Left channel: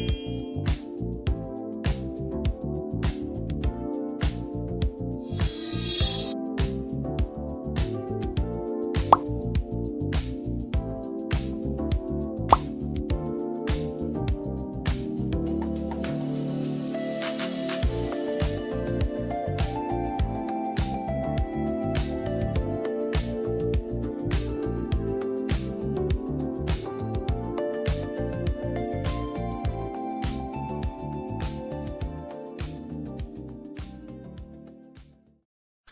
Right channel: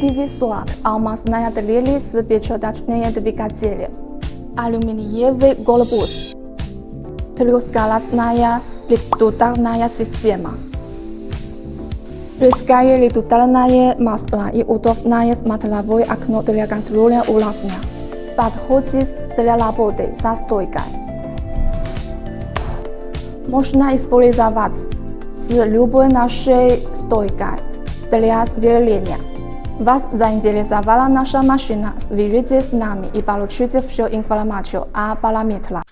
individual almasnaya delili sbiechodachneya dvigatelia. Aluminieve golobus. Tliosgalasnaya litutarnaya sistema. Rizkaje litutarnaje masla i udobnaje smatlavoj akno для контроля уровня. Подходит для работы со стойкой. Можно использовать с любой нашей стойкой для сверления. Вас заинтересовала наша машина? Свяжитесь с нами и получите всю информацию о параметрах.